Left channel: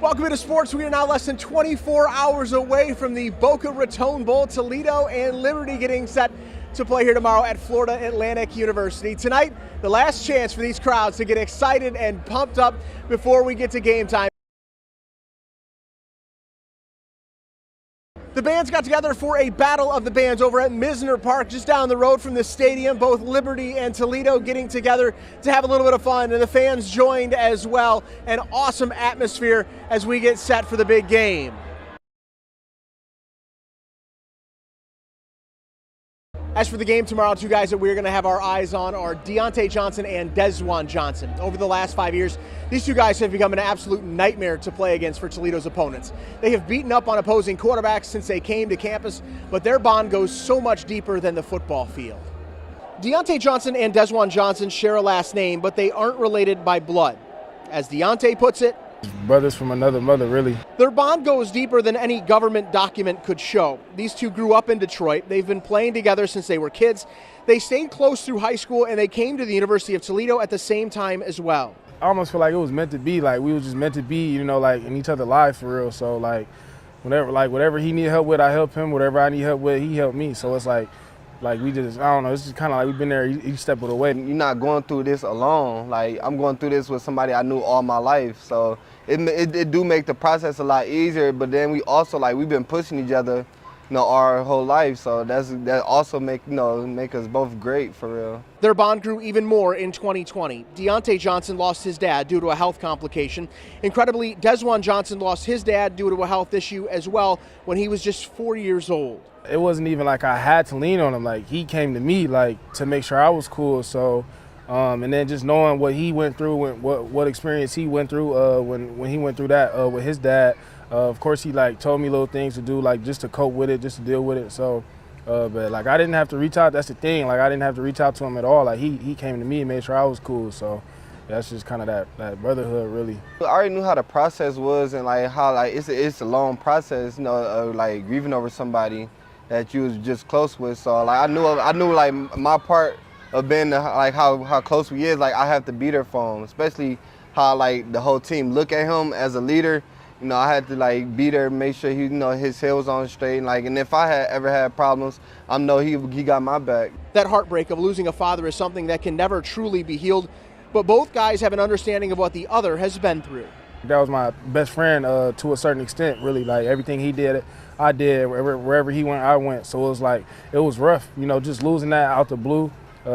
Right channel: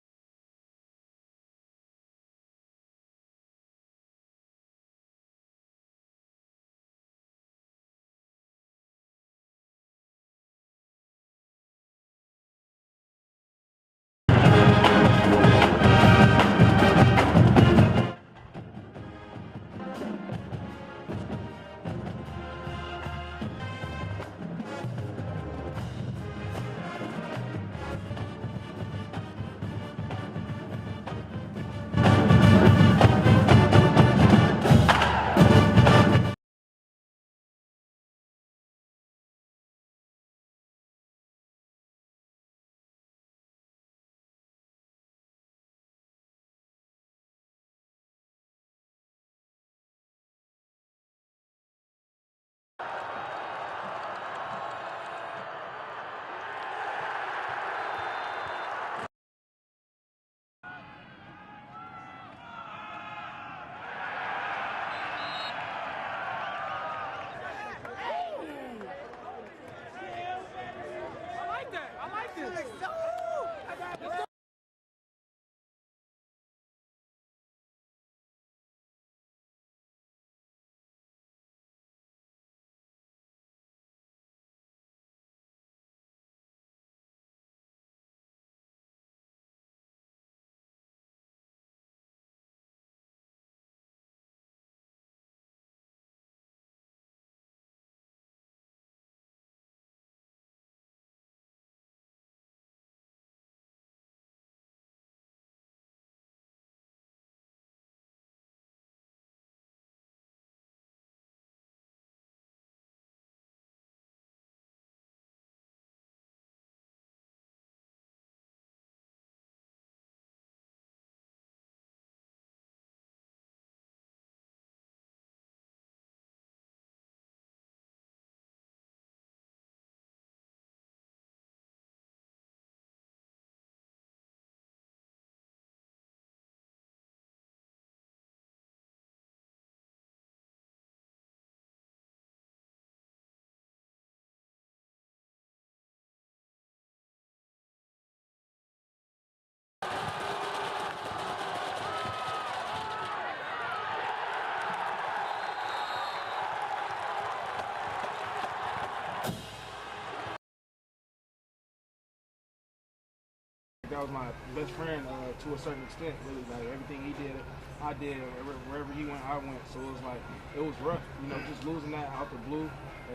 Welcome into sports. We are now less than 24 hours away from the Boca Raton Bowl. Toledo and Liberty getting set to play here tomorrow at Florida Atlantic University. Tonight, the last chance for these crowds to get excited and pumped up before we get to game time. The bands got together for a battle of the bands over at Misner Park, just down the road from the stadium. Both Liberty and Toledo getting together to have a little bit of fun, and the fans joined as well. An awesome atmosphere as we get set for the big game. As for the game tomorrow, two guys that we're going to have our eyes on are Dyontae Johnson and Desjuan Johnson. Over the last 5 years, these two guys have become an absolute nightmare to play against for Toledo's opponents. They have beaten up on opposing quarterbacks since they came to campus, but their bond goes so much deeper than the football field. Dyontae Johnson and Desjuan Johnson share a last name, but they aren't related by blood. As Dyontae puts it, brothers from another mother, really. Their bond goes deeper than any government document could show. These two grew up in Detroit. They've been playing together since they were kids. They stayed close through high school, and they came to the University of Toledo at the same time as well. I almost feel like it was meant to be. Like, we were just meant to be, you know, like, in each other's lives for real. So, like, whatever he needed help with, I help him. Whatever I need help with, he helped me. So it's like we just, I don't know, it's just kind of like we've been there each step of the way. You're not going through this alone. Like, I'm going through this with somebody I knew all my life. So it do make the process a lot easier, but then we also, like, we've been pushing each other, you know, our whole life. So that also make us both great for real. Their bond grew even more in 2020. Dyontae Johnson lost his dad due to a health complication. Incredibly, Desjuan Johnson lost his dad due to a health issue as well when he was just 4 years old. It wasn't even like I had to lean on him. Like, he came to me, like, to make sure I was cool. So, and then just knowing what he went through, what experience he went through when he went through that with his dad. Of course, he, like, told me little things to do, like, just to cope with it, just to deal with it. So, but, like, I didn't have to reach out. That's the thing. Like, I didn't have to reach out to him at all. Like, he came to me and made sure I was cool. So that's just kind of that brotherhood, really. I already knew how the process was, and, like, how, like, it's a long process, you know, of, like, grieving over somebody that you was just close with. So, like, I knew like my part of being like how close we is. Like, I have to be there for him, especially how, like, the whole team look at him as a leader. You know, I had to, like, be there, make sure he, you know, his head was on straight. Like, and if I had ever had problems, I know he got my back. That heartbreak of losing a father is something that can never truly be healed, but both guys have an understanding of what the other has been through. That was my best friend to a certain extent, really. Like, everything he did, I did. Wherever he went, I went. So it was like, it was rough, you know, just losing that out the blue,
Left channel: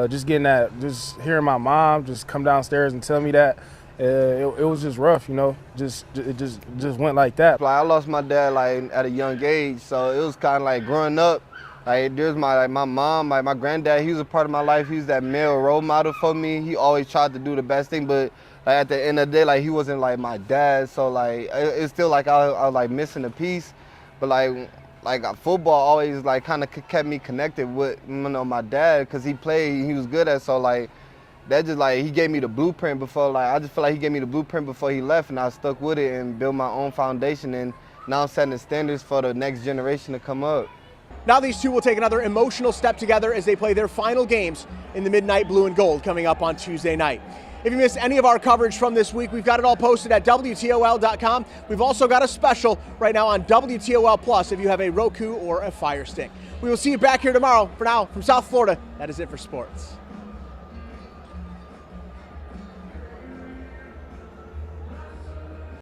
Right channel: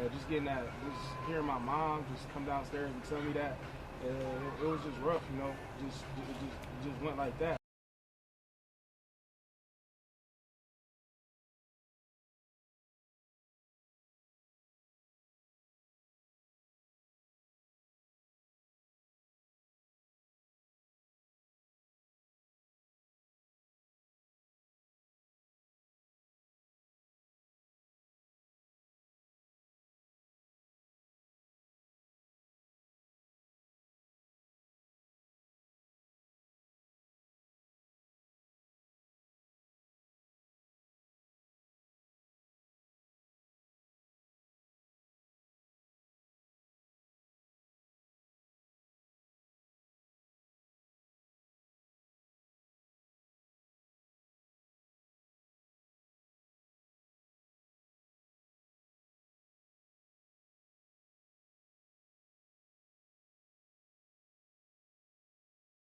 just getting that, just hearing my mom just come downstairs and tell me that. It was just rough, you know, it just went like that. Like, I lost my dad, like, at a young age, so it was kind of like growing up. Like, there's my mom, my granddad. He was a part of my life. He was that male role model for me. He always tried to do the best thing, but like, at the end of the day, like, he wasn't like my dad. So, like, it's still like I was like missing a piece. But like football always, like, kind of kept me connected with, you know, my dad, because he played, he was good at. So, like, that just, like, he gave me the blueprint before. Like, I just feel like he gave me the blueprint before he left, and I stuck with it and built my own foundation. And now I'm setting the standards for the next generation to come up. Now these two will take another emotional step together as they play their final games in the Midnight Blue and Gold coming up on Tuesday night. If you missed any of our coverage from this week, we've got it all posted at WTOL.com. We've also got a special right now on WTOL Plus if you have a Roku or a Fire Stick. We will see you back here tomorrow. For now, from South Florida, that is it for sports.